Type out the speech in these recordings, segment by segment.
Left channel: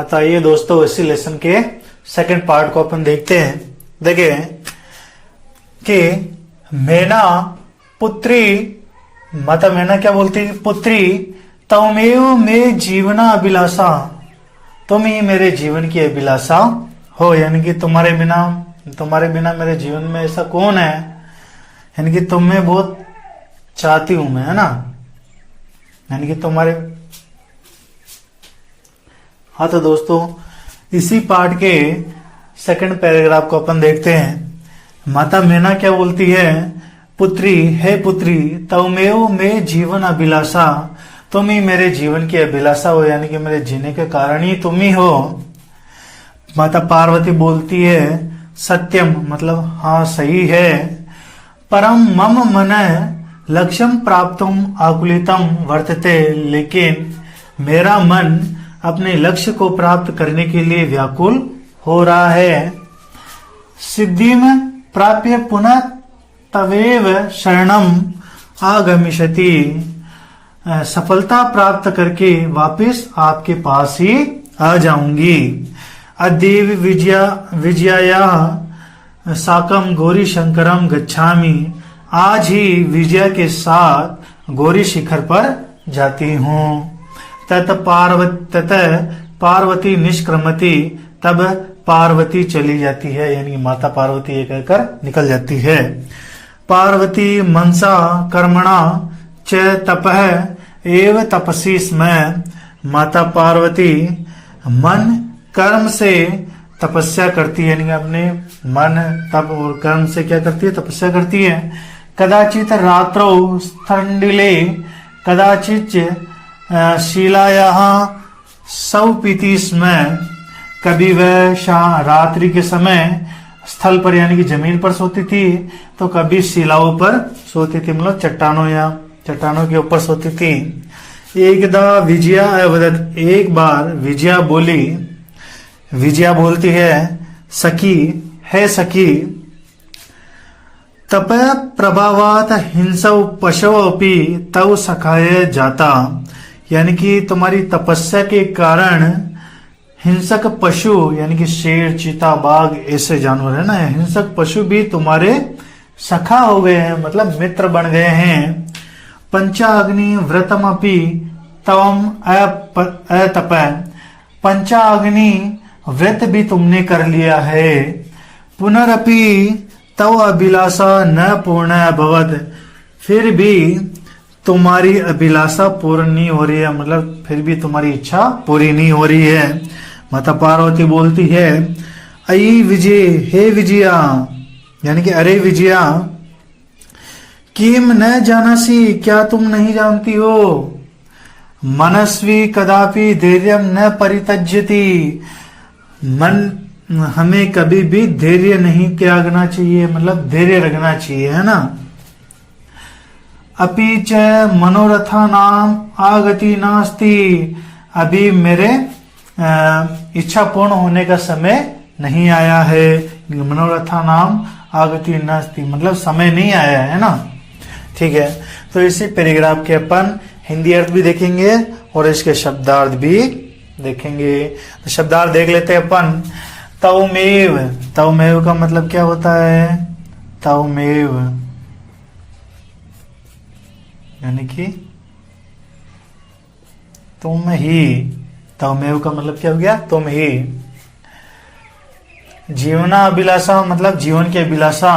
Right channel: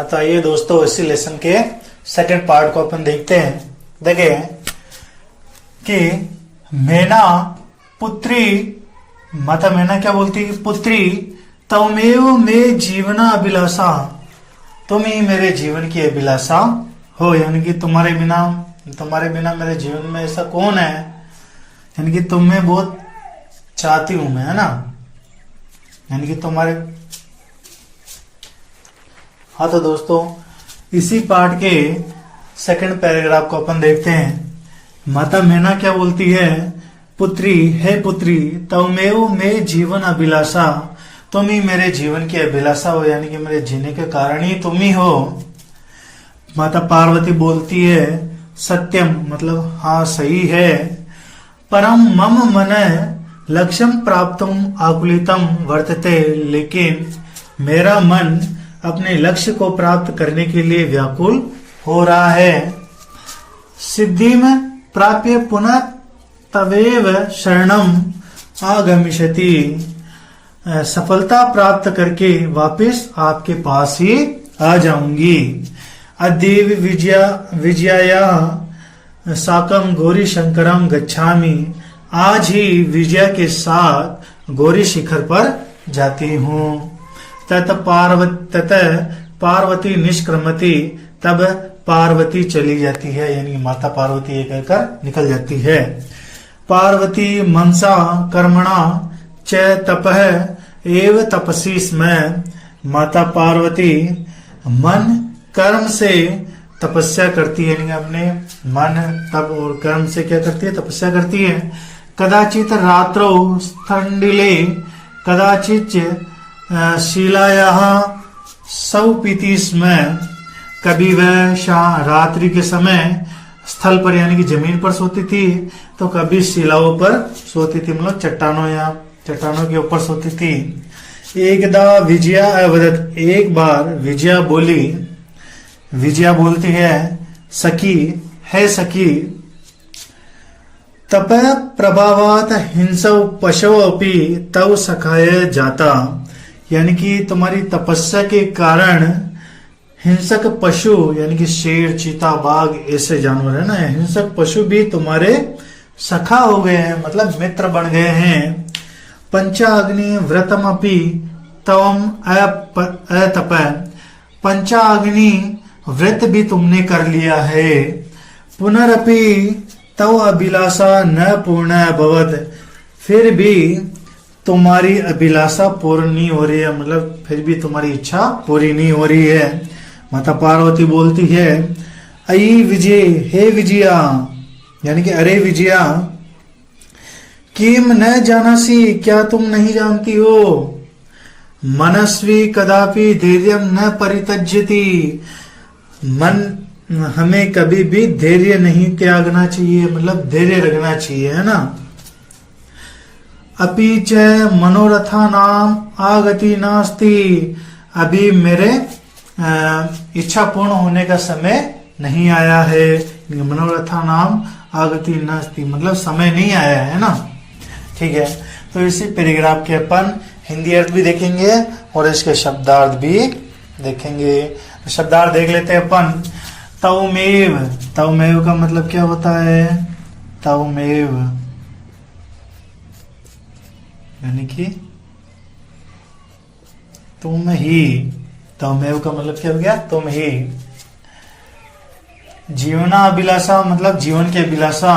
हाँ तो आइए दोस्तों, इसी लेसन के सेकंड पार्ट को अपन देखते हैं। देखिए कि मैना पुत्री, माता मैना क्या बोलती है? पुत्री तमेव मे जीवना अभिलाषा, तुम ही मेरे जीवन की अभिलाषा हो, यानी कि तुम्हारे बिना मेरे जीवन में ऐसा कौन है, यानी कि तुम्हें बहुत चाहती हूं मैं, है ना, यानी कि तुम्हारे। हाँ तो दोस्तों, इसी पार्ट के सेकंड पैराग्राफ को अपन देखते हैं। माता मैना क्या बोलती है? पुत्री, हे पुत्री, तमेव मे जीवन अभिलाषा, तुम ही मेरे जीवन की अभिलाषा हो, यानी कि मेरे जीने के कारण ही तुम ही हो। माता पार्वती बोलती है सत्यम, मतलब हाँ सही है। परम मम मन लक्ष्यम प्राप्तुम आकुलितम वर्तते, लेकिन मेरा मन अपने लक्ष्य को प्राप्त करने के लिए व्याकुल हो रहा है। सिद्धि में प्राप्य पुनः तवेव शरणम आगमिष्यति, सफलता प्राप्त करके वापस आपके पास ही आ जाऊंगी। अद्यैव विजया साकम गौरी शंकरम गच्छामि, आज ही विजया के साथ गौरी शिखर पर जाती हूँ। तत पार्वती निष्क्रमति, तब पार्वती चली जाती है, यानी माता पार्वती ये कहकर निकल जाती है। पार्वती मनसा कर्मणा च तपः एव तपसी स्म, माता पार्वती मन कर्म से तपस्या करती है, यानी अपने मन तप और कर्म से क्या करती है? तपस्या करती है। कदाचित रात्रौ स्थंडिले कदाचित शिलायाः सौपीति स्म, कभी वह रात्रि के समय स्थल पर यानी कि जमीन पर सोती थी, तो कभी शिलाओं पर सोती थी, मतलब चट्टानों के ऊपर सोती थी। एकदा विजया अवदत, एक बार विजया बोलती है सखी, है सखी, तप प्रभावात हिंसौ पशु अपि तव सखाय जाता, यानी कि तुम्हारी तपस्या के कारण हिंसक पशु, यानी कि शेर, चीता, बाघ ऐसे जानवर है ना, हिंसक पशु भी तुम्हारे सखा हो गए हैं, मतलब मित्र बन गए हैं। पंचाग्नि व्रतमपि तवम अतप, पंचाग्नि व्रत भी तुमने कर लिया है। पुनरपि तव अभिलाषा न पूर्ण अभवत, फिर भी तुम्हारी अभिलाषा पूर्ण नहीं हो रही है, मतलब फिर भी तुम्हारी इच्छा पूरी नहीं हो रही है। माता पार्वती बोलती है अयि विजय, हे विजया, यानी कि अरे विजया, किम न जानासी, क्या तुम नहीं जानती हो? मनस्वी कदापि धैर्यम न परित्यज्यति, मन हमें कभी भी धैर्य नहीं त्यागना चाहिए, मतलब धैर्य रखना चाहिए, है ना। अपि च मनोरथा नाम आगति नास्ति, अभी मेरे इच्छा पूर्ण होने का समय नहीं आया है। मनोरथा नाम आगति नास्ति, मतलब समय नहीं आया है ना। ठीक है, तो इसी पैराग्राफ के अपन हिंदी अर्थ भी देखेंगे और इसके शब्दार्थ भी देखेंगे। तो शब्दार्थ देख लेते हैं अपन। तवमेव, तवमेव का मतलब क्या होता है? तवमेव यानी कि तुम ही, तवमेव का मतलब क्या हो गया? तुम ही। जीवना अभिलाषा मतलब जीवन की अभिलाषा।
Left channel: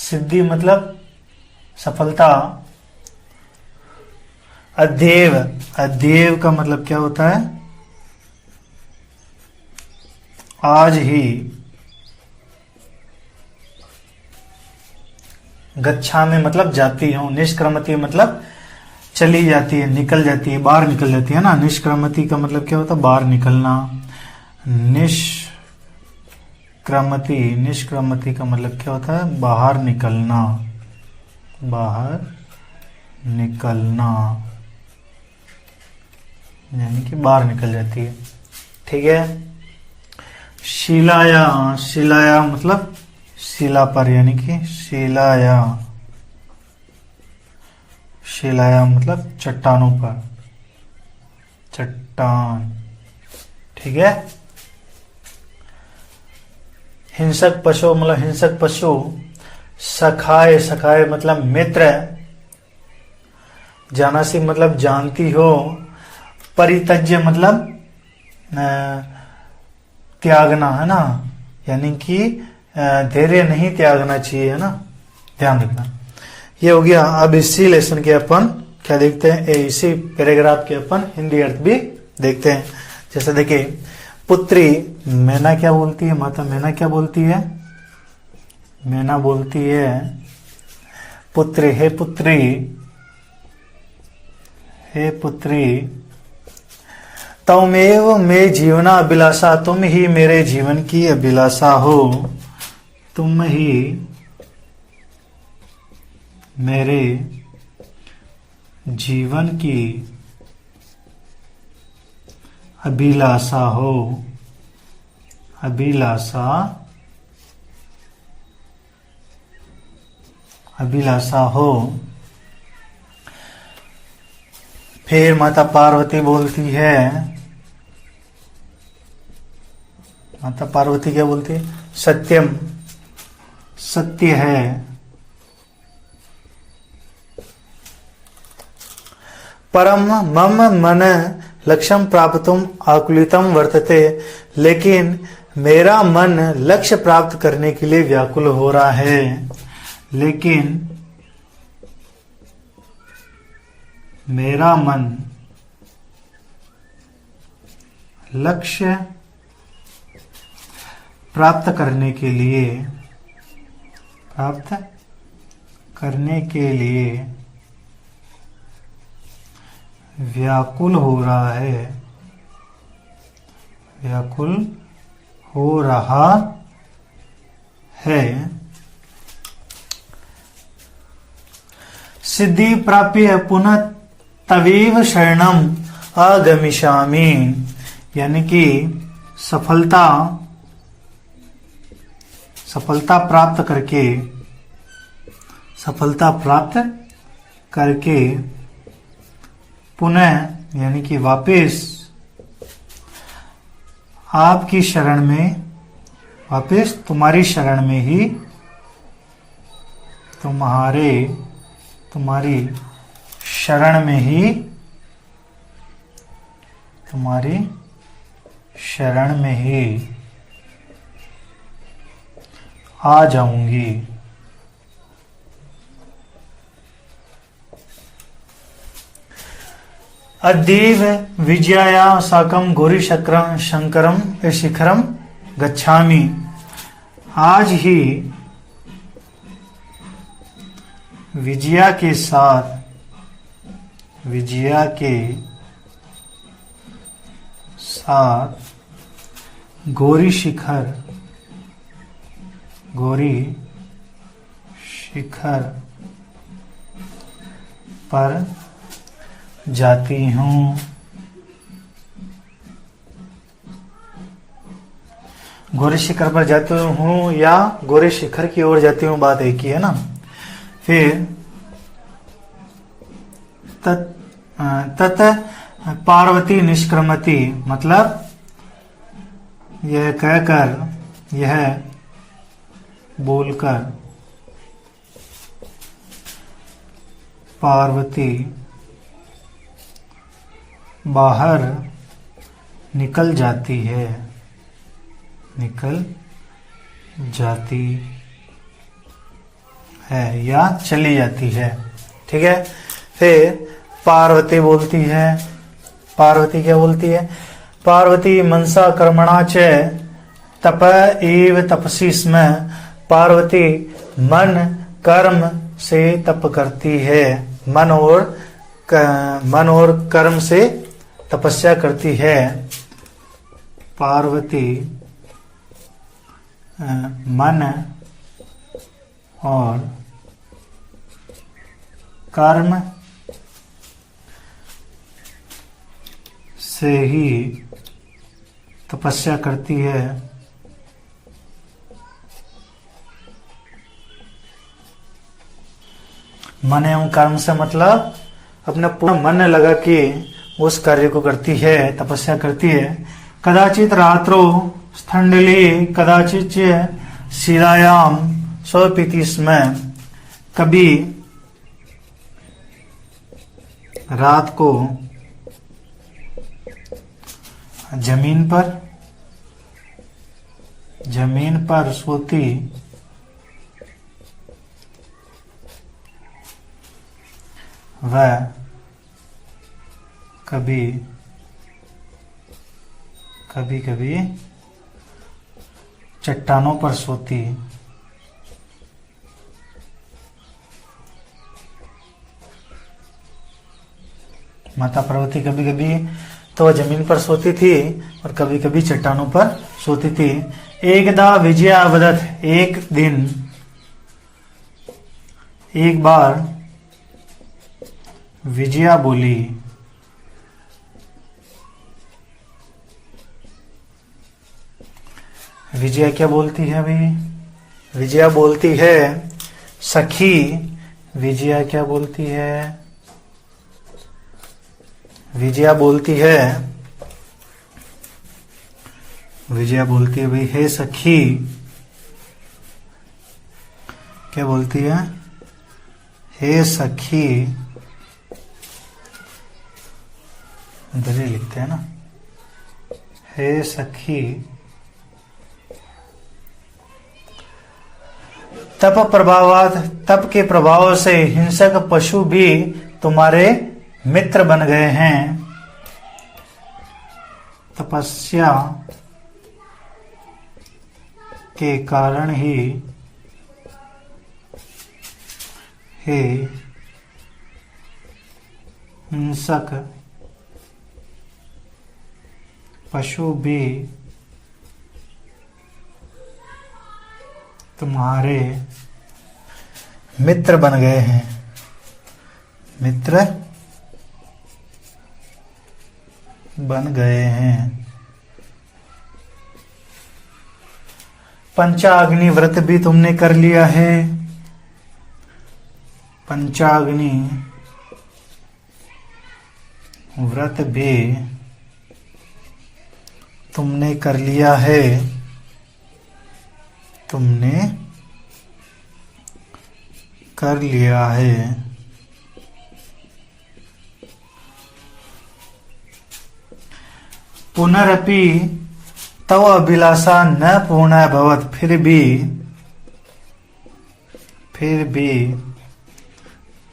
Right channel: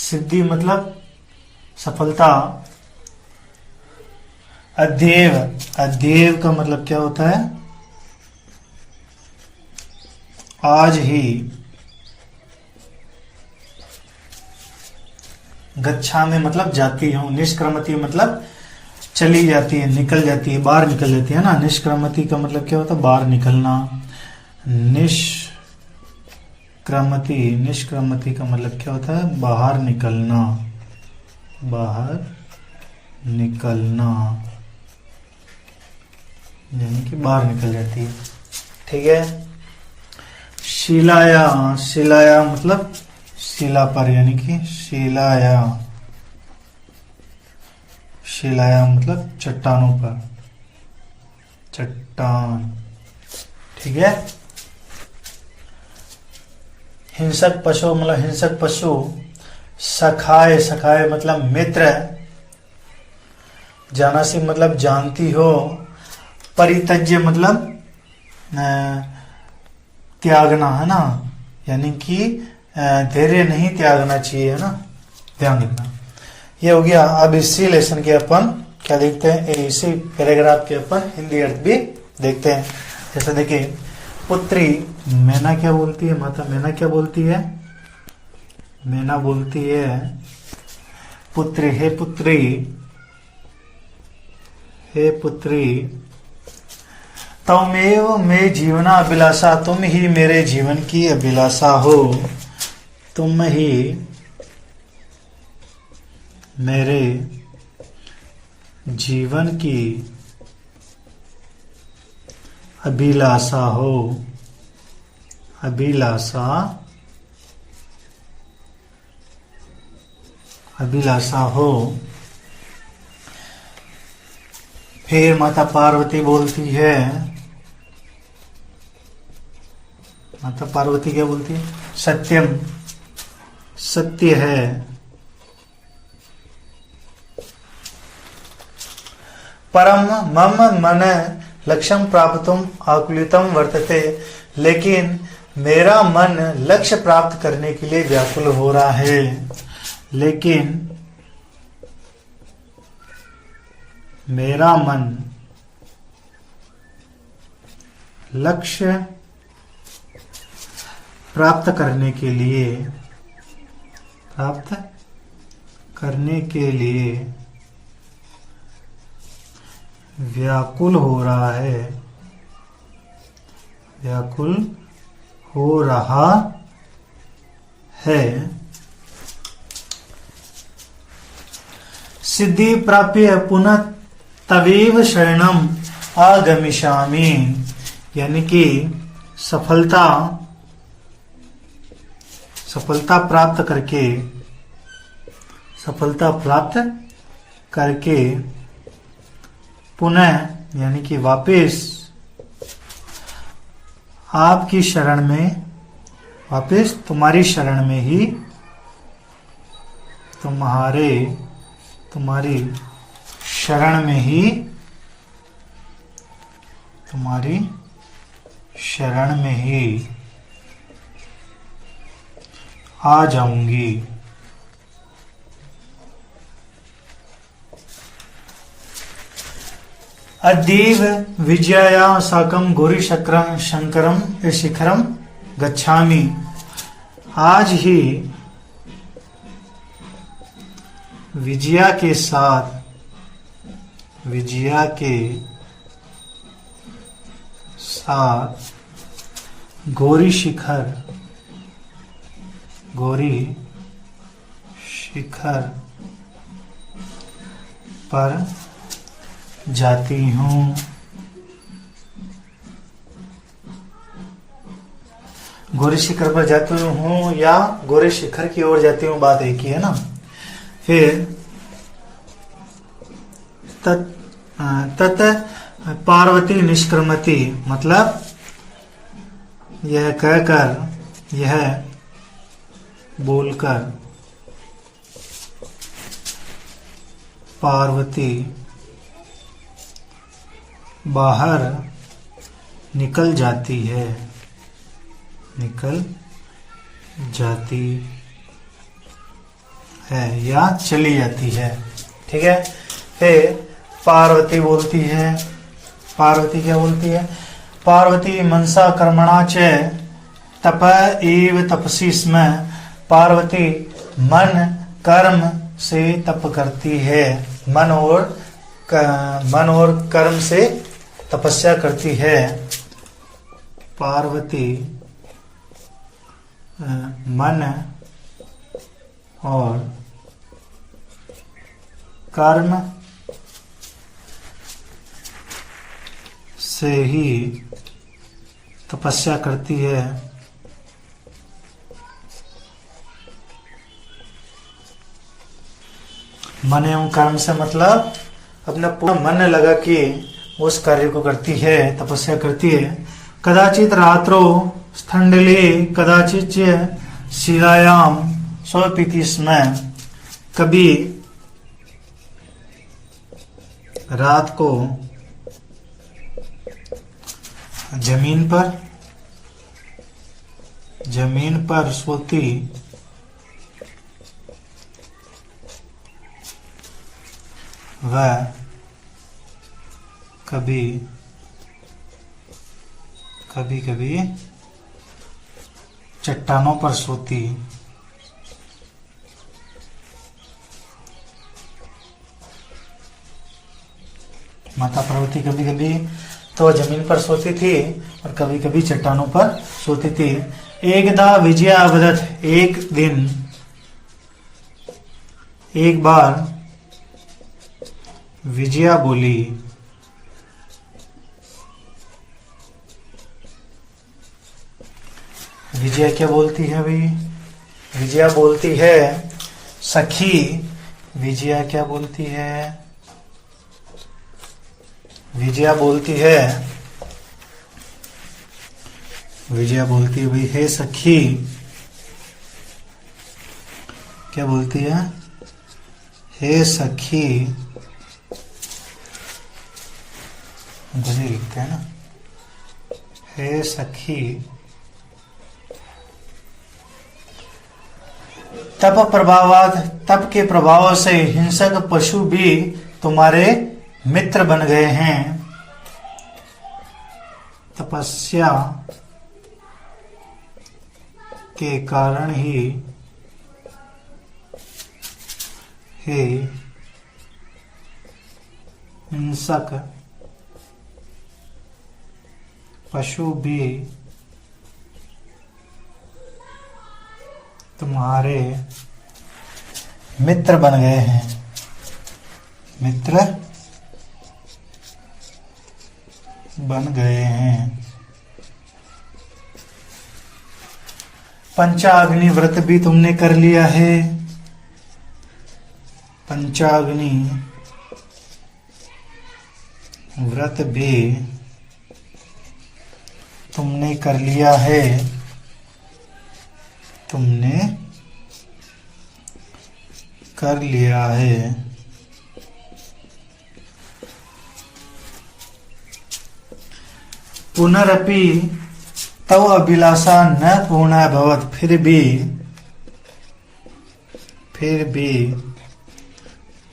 सिद्धि मतलब सफलता। अध्येव, अध्येव का मतलब क्या होता है? आज ही। गच्छा में मतलब जाती हूं। निष्क्रमति मतलब चली जाती है, निकल जाती है, बाहर निकल जाती है ना। निष्क्रमति का मतलब क्या होता है? बाहर निकलना। निष्क्रमति, निष्क्रमति का मतलब क्या होता है? बाहर निकलना, बाहर निकलना, यानी कि बाहर निकल जाती है। ठीक है। शिलाया, शिलाया मतलब शिला पर, यानी कि शिलाया, शिलाया मतलब चट्टानों पर। चट्टान। ठीक है। हिंसक पशु मतलब हिंसक पशु। सखाए, सखाए मतलब मित्र। जानासी मतलब जानती हो। परित्यज्य मतलब त्यागना, है ना, यानी कि धैर्य नहीं त्यागना चाहिए, है ना, ध्यान रखना। ये हो गया। अब इसी लेसन के अपन क्या देखते हैं, इसी पैराग्राफ के अपन हिंदी अर्थ भी देखते हैं। जैसे देखिए, पुत्री मैना क्या बोलती है, माता मैना क्या बोलती है, मैना बोलती है पुत्री, हे पुत्री, हे पुत्री, तमेव मे जीवना अभिलाषा, तुम ही मेरे जीवन की अभिलाषा हो, तुम ही मेरे जीवन की अभिलाषा हो, अभिलाषा, अभिलाषा हो। फिर माता पार्वती बोलती है, माता पार्वती क्या बोलती है, सत्यम, सत्य है, परम मम मन लक्ष्यम प्राप्तुम आकुलितम वर्तते, लेकिन मेरा मन लक्ष्य प्राप्त करने के लिए व्याकुल हो रहा है, लेकिन मेरा मन लक्ष्य प्राप्त करने के लिए, प्राप्त करने के लिए व्याकुल हो रहा है, व्याकुल हो रहा है। सिद्धि प्राप्य पुनः तवेव शरणम आगमिष्यामि, यानी कि सफलता, सफलता प्राप्त करके, सफलता प्राप्त करके पुनः यानी कि वापस आपकी शरण में, वापस तुम्हारी शरण में ही, तुम्हारी शरण में ही, तुम्हारी शरण में ही आ जाऊंगी। अद्यैव विजया साकं गौरी शक्रम शंकरम शिखरम गच्छामि, आज ही विजया के साथ, विजया के साथ गौरी शिखर, गौरी शिखर पर जाती हूँ। गौरी शिखर पर जाती हूँ या गौरी शिखर की ओर जाती हूँ, बात एक ही है ना। फिर तत पार्वती निष्क्रमति, मतलब यह कहकर, यह बोलकर पार्वती बाहर निकल जाती है, निकल जाती है या चली जाती है। ठीक है। फिर पार्वती बोलती है, पार्वती क्या बोलती है, पार्वती मनसा कर्मणा च तप एव तपसी स्म, पार्वती मन कर्म से तप करती है, मन और कर्म से तपस्या करती है। पार्वती मन और कर्म से ही तपस्या करती है। मन एवं कर्म से मतलब अपना पूरा मन लगा के उस कार्य को करती है, तपस्या करती है। कदाचित रात्रो स्थंडले कदाचित शिलायाम स्वपीति स्म, कभी रात को जमीन पर सोती, वह कभी कभी चट्टानों पर सोती। माता पार्वती कभी कभी तो जमीन पर सोती थी और कभी कभी चट्टानों पर सोती थी। एकदा विजया वदत, एक दिन, एक बार विजया बोली। विजया क्या बोलती है अभी? विजया बोलती है सखी। विजया क्या बोलती है? विजया बोलती है भाई, हे सखी। क्या बोलती है? हे सखी, लिखते हैं ना, हे सखी, तप के प्रभाव से हिंसक पशु भी तुम्हारे मित्र बन गए हैं। तपस्या के कारण ही हे हिंसक पशु भी तुम्हारे मित्र बन गए हैं। मित्र बन गए हैं। पंचाग्नि व्रत भी तुमने कर लिया है। पंचाग्नि व्रत भी तुमने कर लिया है। तुमने कर लिया है। पुनरपि तव अभिलाषा न पूर्णा भवत, फिर भी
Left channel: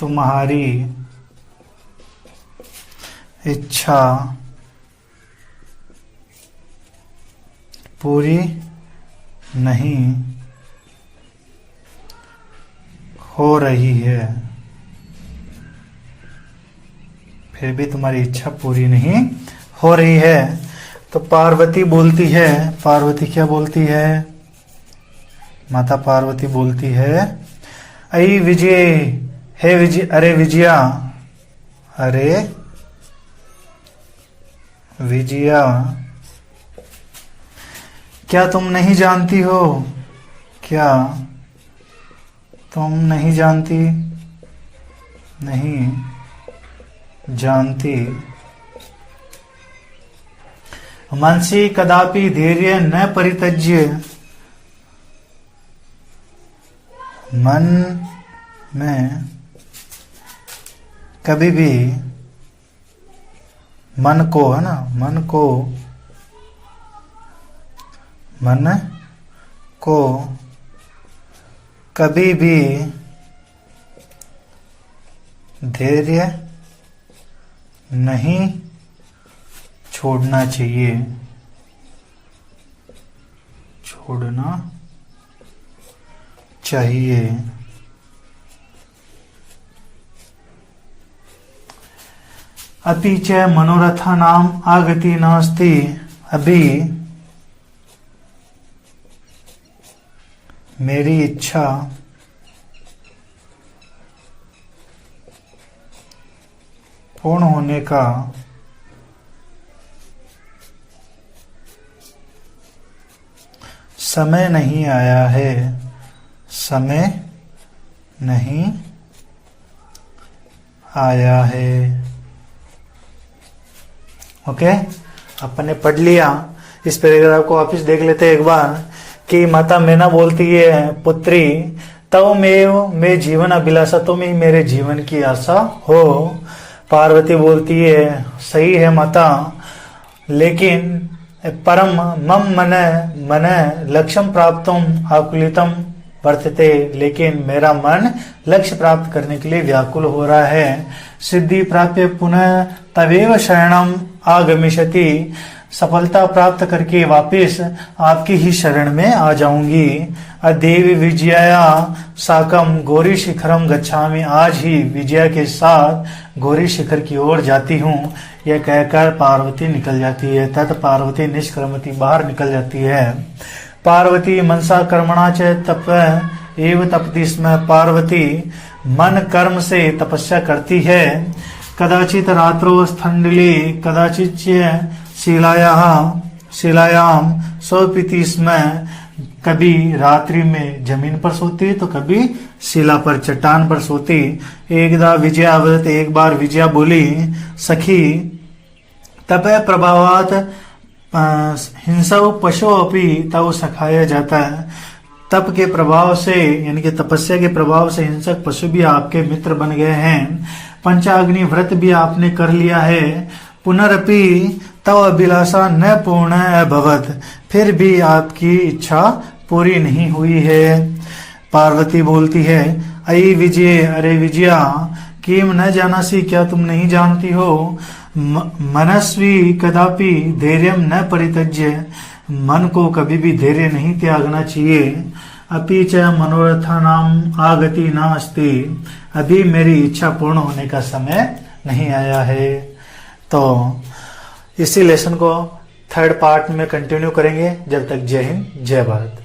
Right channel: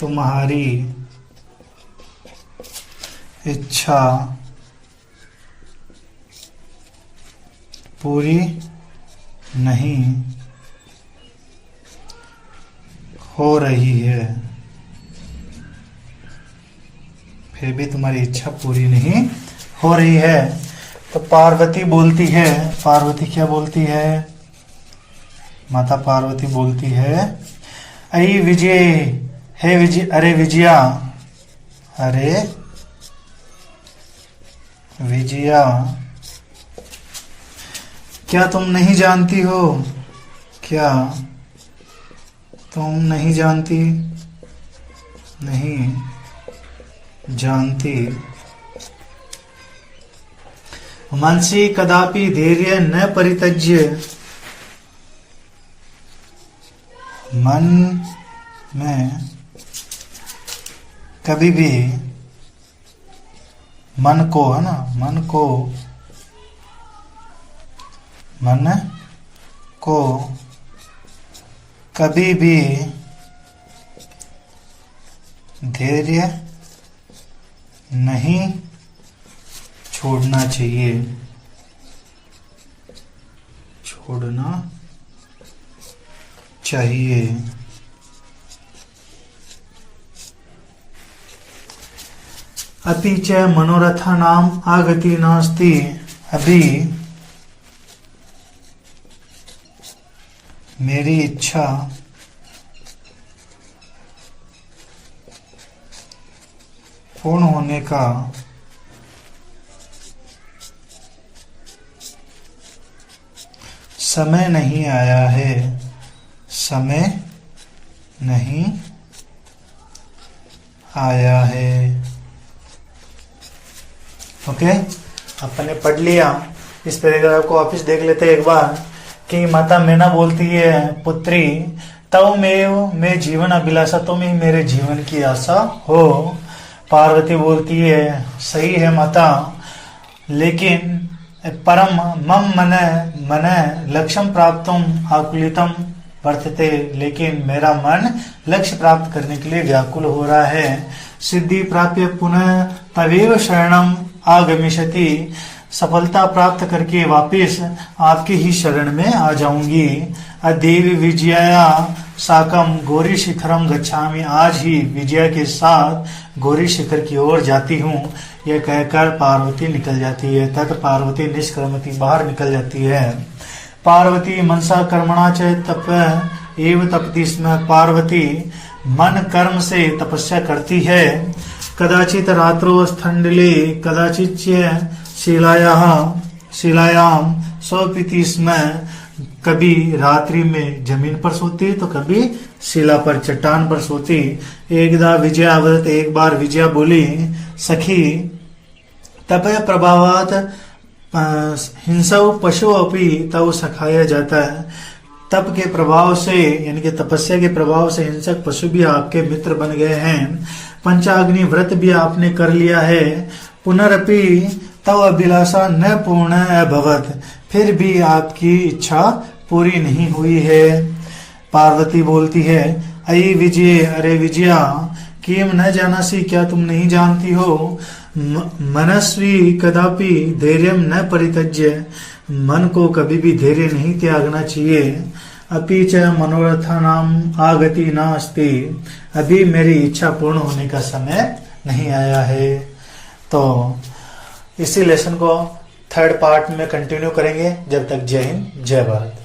तुम्हारी इच्छा पूरी नहीं हो रही है। फिर भी तुम्हारी इच्छा पूरी नहीं हो रही है। तो पार्वती बोलती है, पार्वती क्या बोलती है? माता पार्वती बोलती है, अई विजय, हे विजय, अरे विजया, अरे विजया, क्या तुम नहीं जानती हो? क्या तुम नहीं जानती? नहीं जानती। मनसि कदापि धैर्य न परित्यज्य, मन में कभी भी, मन को, है ना, मन को कभी भी धैर्य नहीं छोड़ना चाहिए। छोड़ना चाहिए। अति च मनोरथा नाम आगति नास्ति, अभी मेरी इच्छा पूर्ण होने का समय नहीं आया है। समय नहीं आया है। ओके, अपन ने पढ़ लिया। इस पैराग्राफ को वापिस देख लेते हैं एक बार कि माता मैना बोलती है, पुत्री तव में जीवन अभिलाषा, तुम ही मेरे जीवन की आशा हो। पार्वती बोलती है, सही है माता, लेकिन परम मम मन लक्ष्यम प्राप्तुम आकुलितम वर्तते, लेकिन मेरा मन लक्ष्य प्राप्त करने के लिए व्याकुल हो रहा है। सिद्धि प्राप्य पुनः तवेव शरणम आगमिष्यति, सफलता प्राप्त करके वापिस आपकी ही शरण में आ जाऊंगी। अदेव विजया साकम गौरी शिखरम गच्छामि, आज ही विजया के साथ गौरी शिखर की ओर जाती हूँ। यह कहकर पार्वती निकल जाती है। तत् पार्वती निष्क्रमति, बाहर निकल जाती है। पार्वती मनसा कर्मणा च तप एव तपति स्म, पार्वती मन कर्म से तपस्या करती है। कदाचित रात्रो स्थंडली कदाचित शिलायाम स्वपिति स्म, कभी रात्रि में जमीन पर सोती तो कभी शिला पर, चट्टान पर सोती। एकदा विजया अवदत, एक बार विजया बोली, सखी तप प्रभावात हिंसव पशु अपि तव सखाया जाता है। तप के प्रभाव से यानी कि तपस्या के प्रभाव से हिंसक पशु भी आपके मित्र बन गए हैं। पंचाग्नि व्रत भी आपने कर लिया है। पुनरपि तव अभिलाषा न पूर्ण अभवत, फिर भी आपकी इच्छा पूरी नहीं हुई है। पार्वती बोलती है, अयि विजय, अरे विजया, किम न जानासी, क्या तुम नहीं जानती हो, मनस्वी कदापि धैर्यम न परित्यज्य, मन को कभी भी धैर्य नहीं त्यागना चाहिए। अपि च मनोरथा नाम आगति न अस्ति, अभी मेरी इच्छा पूर्ण होने का समय नहीं आया है। तो इसी लेसन को थर्ड पार्ट में कंटिन्यू करेंगे। जब तक जय हिंद, जय भारत।